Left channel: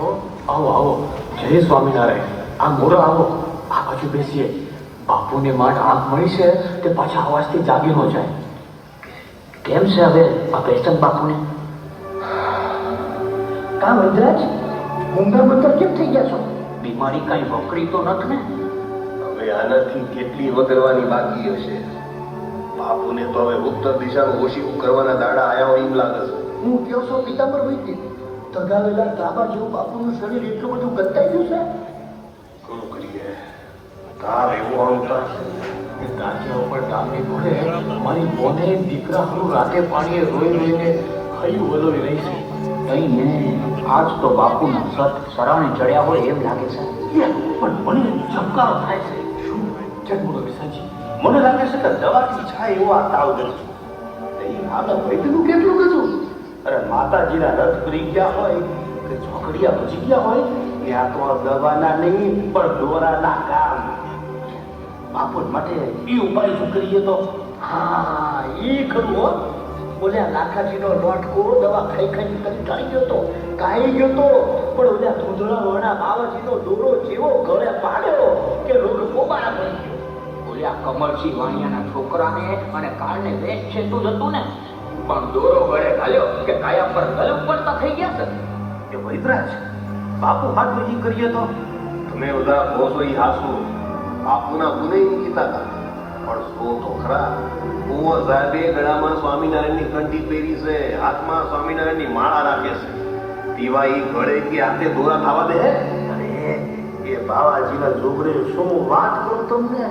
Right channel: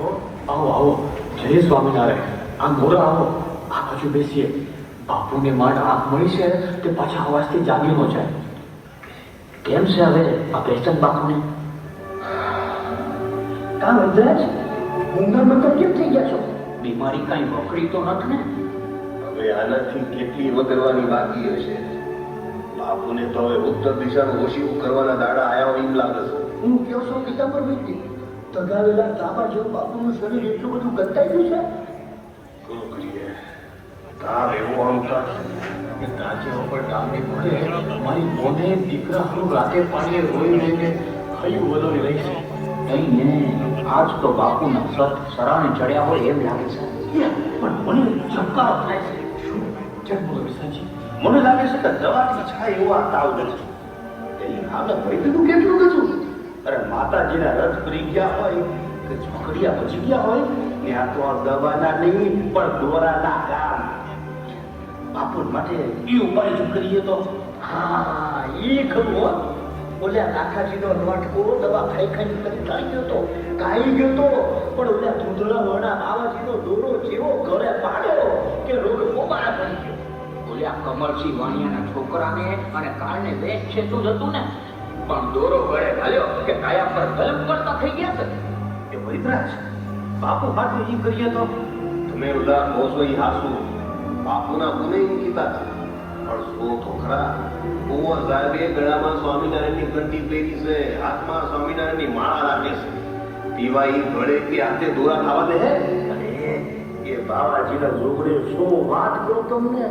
આવો આવો, જય સ્વામિનારાયણ. આ મોરો આવો, આ બાજુ બેસીએ. બાપુને માંડ આંખ મળી છે તે પાછા અવાજથી જાગી ન જાય. કેમ છે હવે આ પેસ્ટન બાપુને? કામ વજરાજ ઊંઘા મતલબ કેમ થઈ ગયા છો? બીમારી કઈ વકરી તો નથી ને? હવે આનાથી કેટલી વગરવાની બાકી હશે. બાપુને તો હવે ઉત્તર દિશાનું ઓશીકું કરવાના દાડા આયા હોય એમ લાગે છે. હું કયો છો પિતાંબર વૈદ્ય, તગાવેલા તાબા જેવું બાપુનું શરીર એટલું બધું ગતાઈ ગયું છે? કોણ કરીએ? તાર એવું અહંકાર છે. તાજા ઉપર ડામડી પડે. મારી બોને દીકરા હારું રાતે પાણીએ રોઈ રહીને ખયું વલોઈ રહી છે. નહીં ને આજ તો બાપુના સત સરાણે ચડ્યા હોય એમ લાગે છે. પણ મને ચમકાર થાય છે. શું ચલ બોલો વિસાજી? મને લાગે છે કે દવાથી છાય એવો આ તાવ નથી. આપણે વૈદ્યનું કેટલું કીધું? અરે માતાજીના રથ કરી ગયા હોય કે ચોકડિયા બચી ગયા હોય ત્યાં તો આ દવાના નહીં પણ દોરાના કામ. બાપુ માટે એ ઉપાય જો કરીએ તો હા એ ખરું હો. ઓલ્યા લાખાજીનો લોટકો દવા ખાઈ ખાઈ કરી કાઢી ગયો તો કાઢી ગયો તો, પણ ઓલ્યા ધૂંધળા વણા બાવાજીનો દોરો જેવો ગળે પાડ્યો કે રોગ પોબારા પડી. ઓલ્યા કમરસિંહ વાણિયાના છોકરાને અને કાળને વેચ છે તું જતું ને, પણ દોરો ગળે ઘાલ્યો કે કાયા પર ગલપ પડતા થઈ ગયા છે. એ વૈદરાજ બાપુ હાટું ઈ કરીએ તો તમે બધા બોસો ઈ હાસુ બાપુના ગુને ઈ કીધા હતા. પણ શું તો ખરા કુંવર સાહેબે ગળામાં સ્વામિનારાયણની કંઠી પહેરી છે, હાથમાં સ્વામિનારાયણની માળા રાખે છે. પીવા ઈ ગળે કે હાથે દોરા ખાવા દે? અરે એ બાવાજીના જોગરે શું વાત કરું તમને.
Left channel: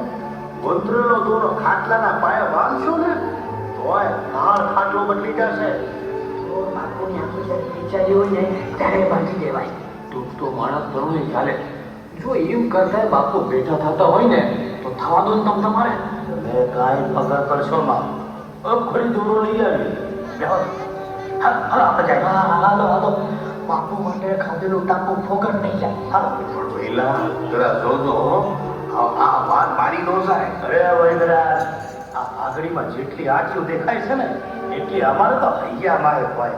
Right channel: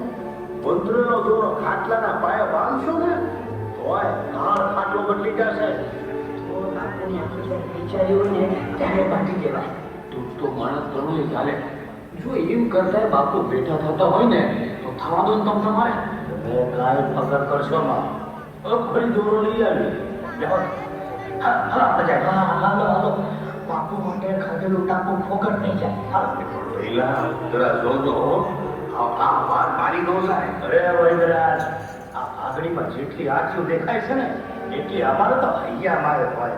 મંત્રનો દોરો ખાટલાના પાયા બાંધશો ને તોય તાર ખાટલો બદલી જશે. તો બાપુની આંખો વિચાર્યું ને ત્યારે બાંધી દેવાય. તું તો માણસ તરુણી ચાલે. જો એમ કરતા બાપુ બેઠા થતા હોય ને તો થવા દો ને તમ તમારે. તમે કાંઈ પગાર કરશો માં અબખડી દોરો લઈ આવી. હાલો બાપુ માટે ખાધેલું ટાંકું ફોકટ નહીં જાય. પહેલા જરા જોજો હો. આ વાત મારી નો જાય. અરે વૈદરાજ આ આગળીમાં જેટલી આંખીઓ દેખાય છે ને એટલી અમારે તો અહીંયા અમારે હોય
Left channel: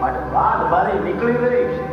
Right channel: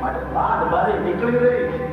માટે વાત બારી નીકળી રહી.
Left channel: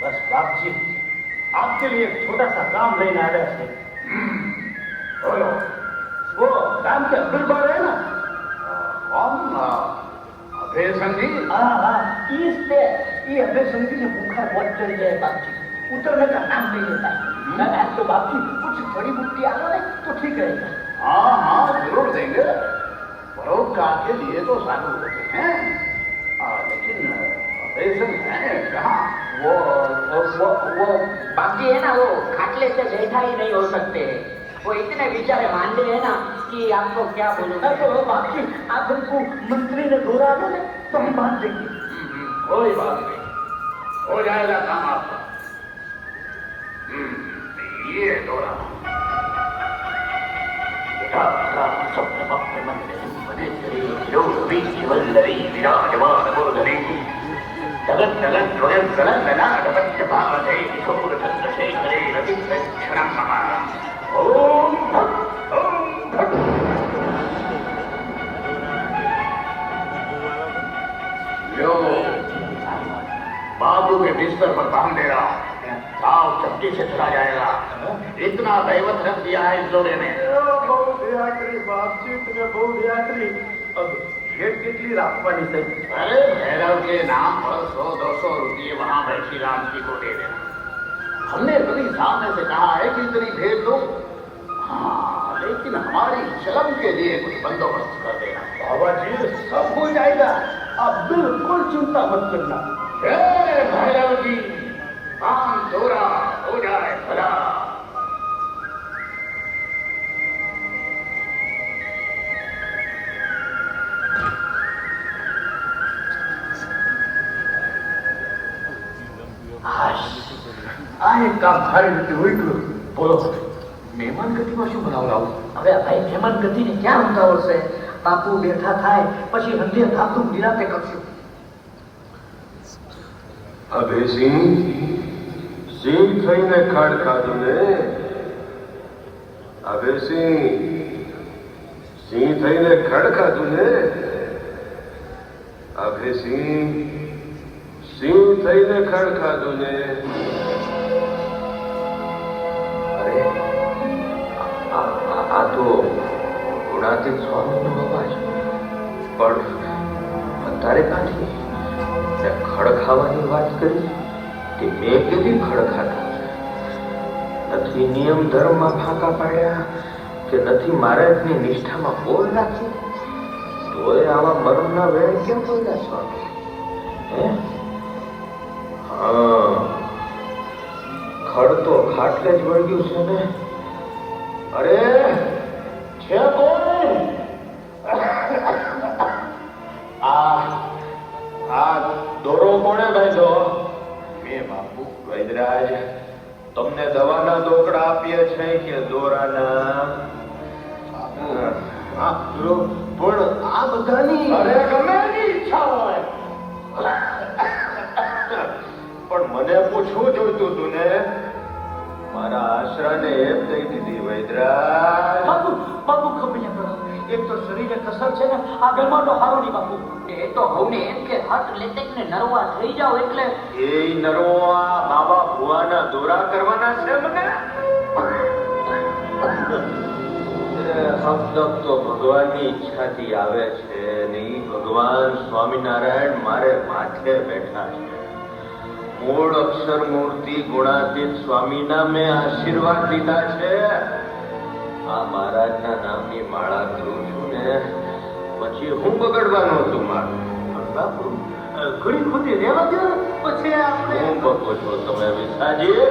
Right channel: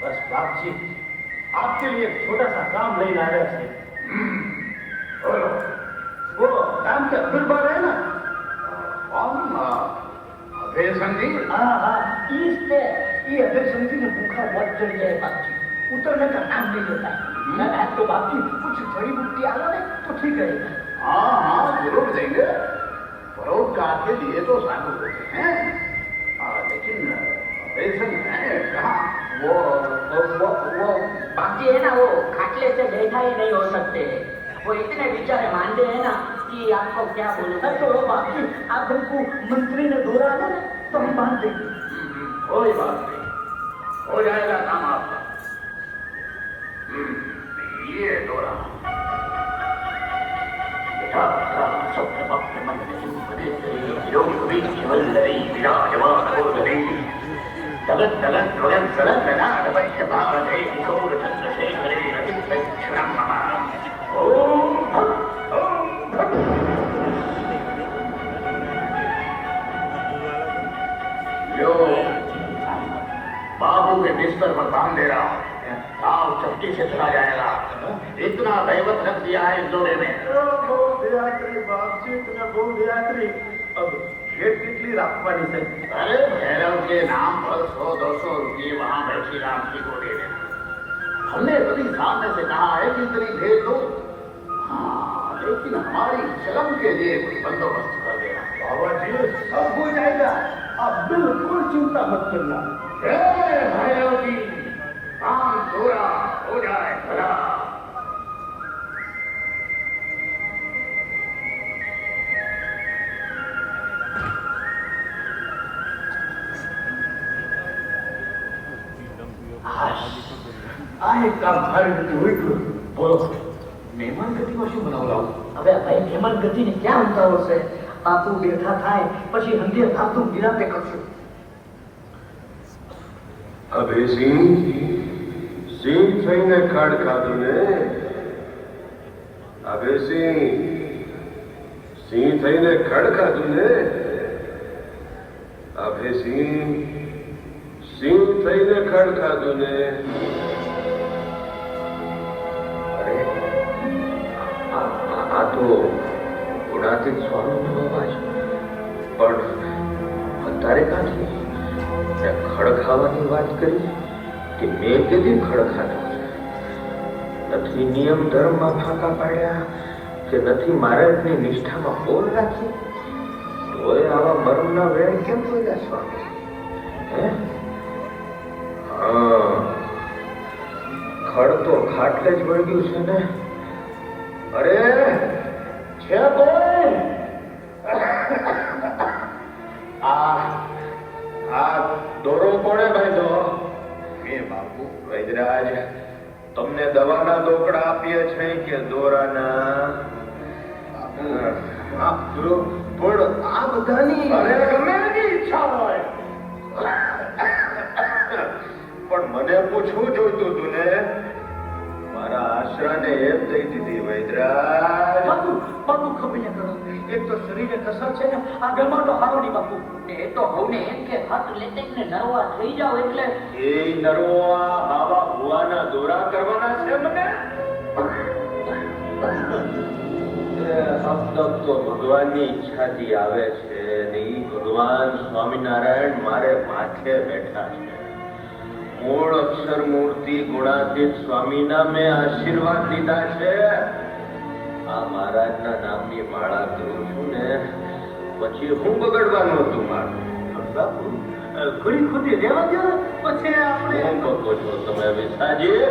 बस बाप जी आपके लिए एक छोटा सा काम लेने आया है. वो नाम के अब्दुल बार है ना? कौन? अभय संधि. हाँ हाँ इस पे ये अभय संधि ने भूखा बहुत चल जाए बापजी, उतरने का नाम नहीं लेता. मैं आज तो बापजी कुछ बड़ी बुट्टी आ गए तो ठीक रहेगा. हाँ हाँ जरूर देंगे. परोपकार के लिए तो साधु होते हैं. लेकिन अभय है कहाँ? वो बापजी है ना, वो खाटले से बैठा ही नहीं हो सकते. वो इतने बेचारे मांदे हैं ना कि आपको क्या बोलूं. तो बापजी आप हमको मंत्री ने दौरा दे तो हम बांध देंगे. कोई बात नहीं, हो जाएगा काम आपका. ये दौरा जगत जगत स्वयं सलनाडवश्यपावधे किशोरचंद्रशेखरे रविक्षणः. यो बाबू के बिस्तर पर काम दे रहा, साफ चपटी से चला जाएगा. इतना दैवत रख दिया है इस जोड़े ने. बहुत दया करी बाप जी, तुम्हें बहुत दया करी. अब खेत कितनी राखवानी से? अरे भैरव के नाम पर 100-200 रुपये वहां बैठी रात की को दे देना. हमने कभी सामने से कहा है कि इतनी भेज दो. हाँ लेकिन हमारी शर्म के लिए कुछ बंदोबस्त कर देना. बाबा जी सब हो जाएगा, आप बिल्कुल चिंता मत करना. भैरव जी काम पूरा हो जाए भला. आए એક કામ સારી રીતે હોય ગયું. બોલો મહેમાન ગતિમાં શું બનાવડાવું? હવે આ ભાઈ મહેમાન ગતિને ક્યાં ઉતાવળ છે? બાપુ બેઠા થાય પછી હંધે થાતું નિરાતે કરશું. હવે સિંહ થઈને ખાડ ખાધું ને. હવે સિંહ થઈને ખડ ખાધું ને. હવે સિંહ થઈને ખડ ખાધું ને. અરે આ તો ગુણાતીત સ્વામીનો અવાજ. પણ અત્યારે ક્યાંથી ખડ ખાવાની વાત કરી કે મેં કીધી ખડ ખાધા? નથી નિયમ ધર્મમાં ફાંકા પાડ્યા કે નથી મહારાજની નિષ્ઠામાં બોલ રાખ્યું? તોય આવા મરણના વેણ કેમ બોલ્યા સ્વામી? હે હા, ખડ તો ખાટલે જ વળગ્યું છે ને. અરે છે કોઈ? આ દોરો કોણે બાંધ્યો? મેં બાપુ. વૈદરાજ, તમને દવાના દોકડા આપીએ છે કે દોરાના? પણ આ બધાની અરે ગમે એની ઈચ્છા હોય. પણ મને પૂછવું જોઈતું તું ને. મારા આશરાને એમ કહી દીધી વૈદરાજ. બાપુ ખબર કરો. એક તો શરીરે કસર છે ને, આ બેમાનો હારો નહીં બાપુ. એ તો હવને એમ કે હાથ લેતે ને નરવા થઈ જાવ એટલે એ નરવા બાબા ભુવાના દોરા કરવાના છે મને. મતલબ તો ભગવાનની ઈચ્છાથી આવે છે ને ઈ ભગવાન સ્વામિનારાયણ મારે માથે બેઠા છે. મૂળ અક્ષર મૂર્તિ ગુણાતીત સ્વામીના મેં આશીર્વાદ લીધા છે. આ મહારાજના નામની માળા કરું છું ને, પછી હું બગડવાનું હતું મારું? બાપુ ઘડી ખોટી રહેવા દો પછી આપણે હું બગો છો તમે વિસાજી?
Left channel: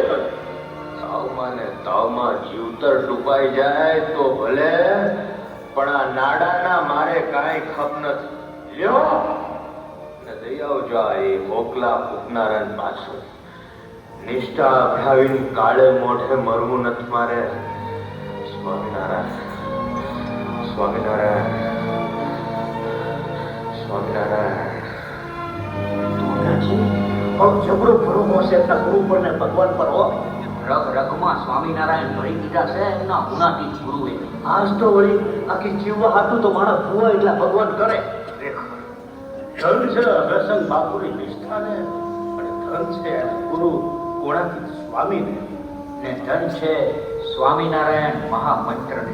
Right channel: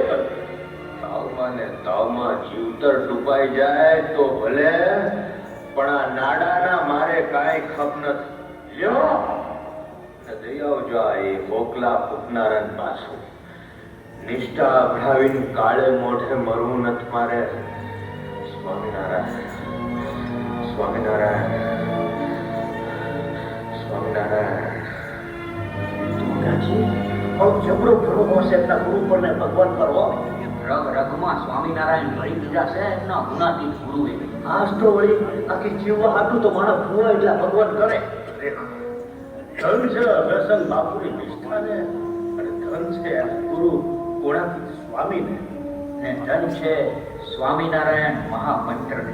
તાવમાં ને તાવમાં જીવતર ડૂબાઈ જાય તો ભલે, પણ આ નાડાના મારે કાંઈ ખપ નથી. લ્યો ને દઈ આવજો આ એ મોકલા ફૂકનારા પાસે. નિષ્ઠા અભડાવીને કાળે મોઢે મરવું નથી મારે. સ્વામિનારાયણ, સ્વામિનારાયણ, સ્વામિનારાયણ. જબરો ભરોસો છે એમના ગુરુ પર ને ભગવાન પર હો. રગ રગમાં સ્વામિનારાયણ ભરી દીધા છે એમના ગુણાતીત ગુરુએ. આજ તો વળી આખી જીવવા હાટું તો માણસ ભૂવા એટલે ભગવાન કરે. ધન છે અગરસંગ બાપુની નિષ્ઠાને, અને ધન છે એના ગુરુ ગુણાતીત સ્વામીને. ને ધન છે સ્વામિનારાયણ મહામંત્રને.